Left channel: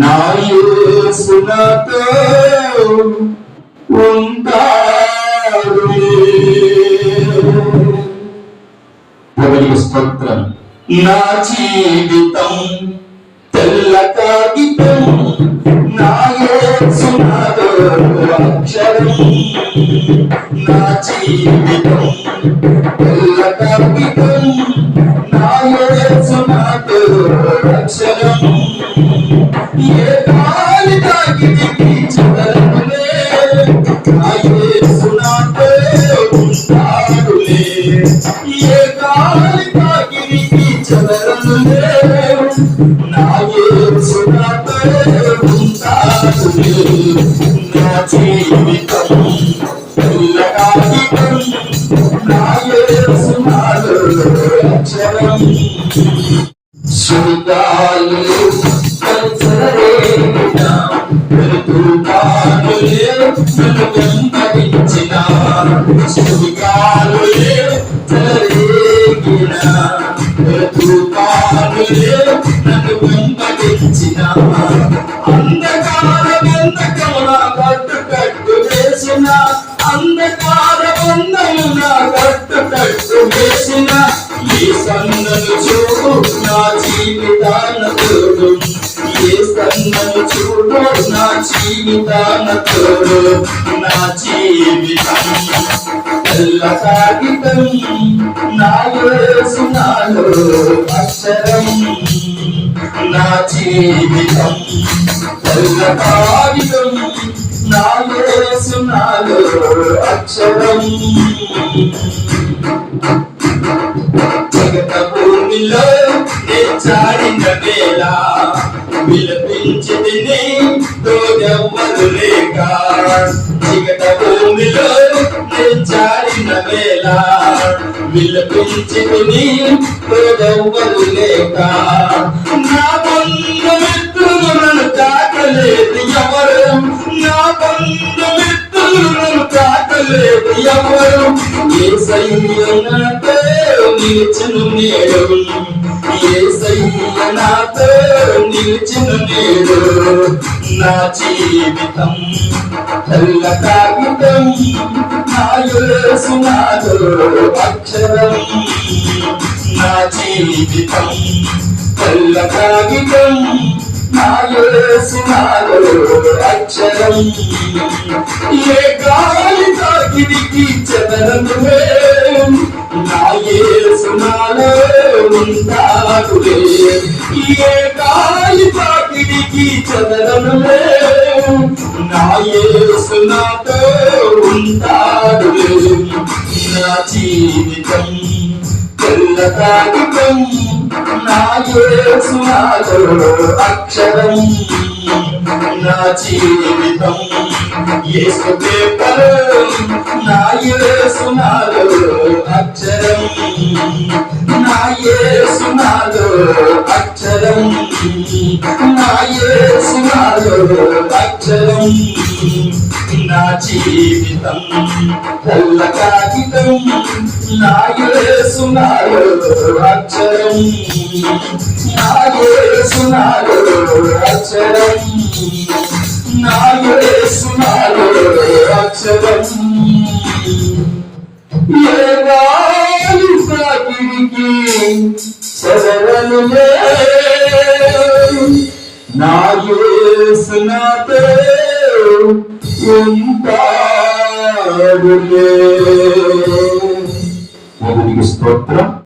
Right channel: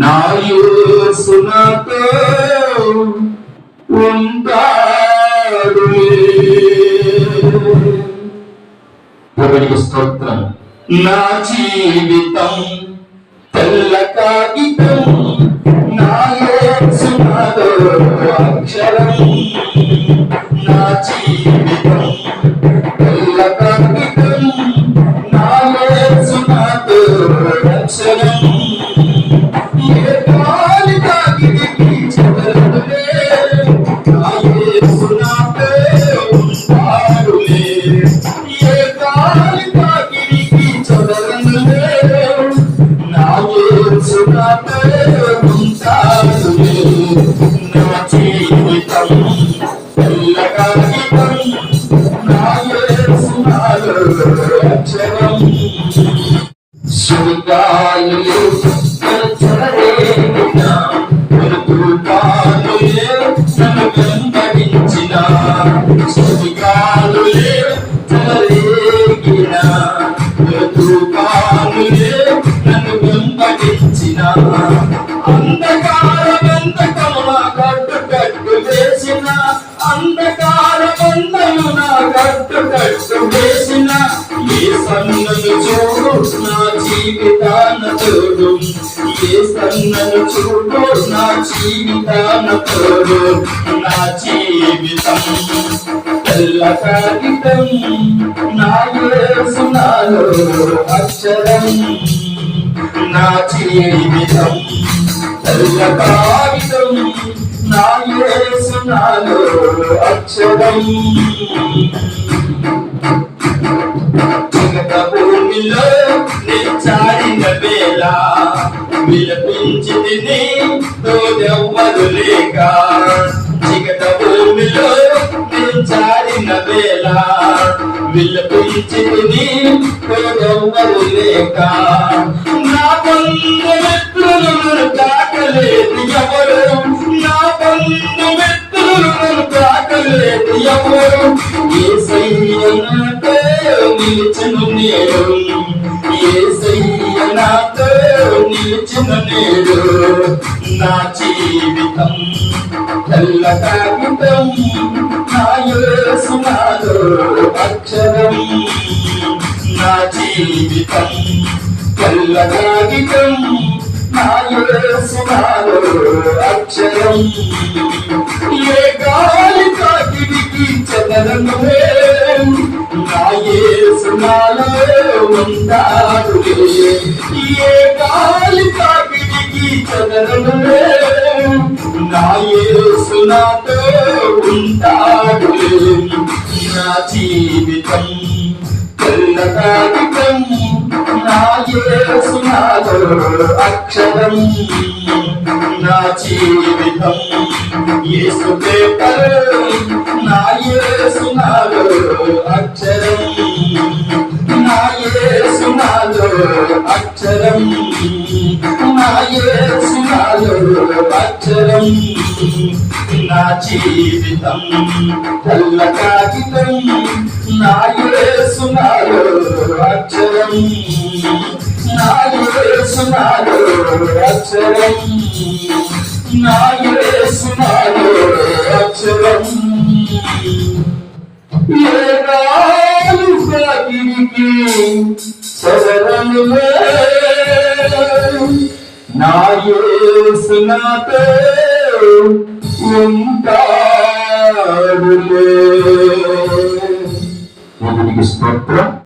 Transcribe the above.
నా యేసు నాతో ఉంటాడు. ప్రభువుకి స్తోత్రం. నా జీవితం తెల్ల కాగితం, నా యేసు నాతో అక్షరం. నా జీవితం తెల్ల కాగితం, నా యేసు నాతో అక్షరం. ఏ గాలి తాకిడికి చెదరనులే, నా యేసు నాతో ఉంటాడులే. ఏ గాలి తాకిడికి చెదరనులే, నా యేసు నాతో ఉంటాడులే. నా జీవితం తెల్ల కాగితం, నా యేసు నాతో అక్షరం. సుగాలు నన్ను వెంబడించిన, సుగాలులే చెలరేగిన, తుఫానులే నన్ను వెంబడించిన, అంధకార బంధకము నా కట్టు వేసిన, అంధకార బంధము నా కట్టు వేసిన, ఏ సన్నలు చూడు నా జీవితాన తోడు, ఏ సన్నలు చూడు నా జీవితాన తోడు. నా జీవితం తెల్ల కాగితం, నా యేసు నాలో అక్షరం. నా జీవితం తెల్ల కాగితం, నా యేసు నాలో అక్షరం. జగత భూమిలో నిచ్చాడిన వేళ విలపించి తిని తోడెవ్వరు లేక, జగత భూమిలో నిచ్చాడిన వేళ విలపించి తిని తోడెవ్వరు లేక, నా బంధుమిత్రులు నన్ను తాకలేదు ఎవరు, నా బంధుమిత్రులు నన్ను తాకలేదు ఎవరు. యేసయ్య నాతో నిలిచిన నేడు, యేసయ్య నాతో నిలిచిన నేడు. నా జీవితం తెల్ల కాగితం, నా యేసు నాలో అక్షరం. నా జీవితం తెల్ల కాగితం, నా యేసు నాలో అక్షరం. ఏ గాలి తాకిడికి చెదరనులే, నా యేసు నాలో ఉంటాడులే. ఏ గాలి తాకిడికి చెదరనులే, నా యేసు నాతో ఉంటాడులే. నా జీవితం తెల్ల కాగితం, నా యేసు నాలో అక్షరం. నా జీవితం యేసు పేపరు, నా యేసు నాలో అక్షరం. నా యేసు నాలో అక్షరం, నా యేసు నాలో అక్షరం. నా జీవితం తెల్ల కాగితం, నా యేసు నాలో అక్షరం. నా యేసు నాలో అక్షరం, నా యేసు నాలో అక్షరం. ఏ గాలి తాకిడికి చెదరనులే, నా యేసు నాతో ఉంటాడులే. స్తోత్రం.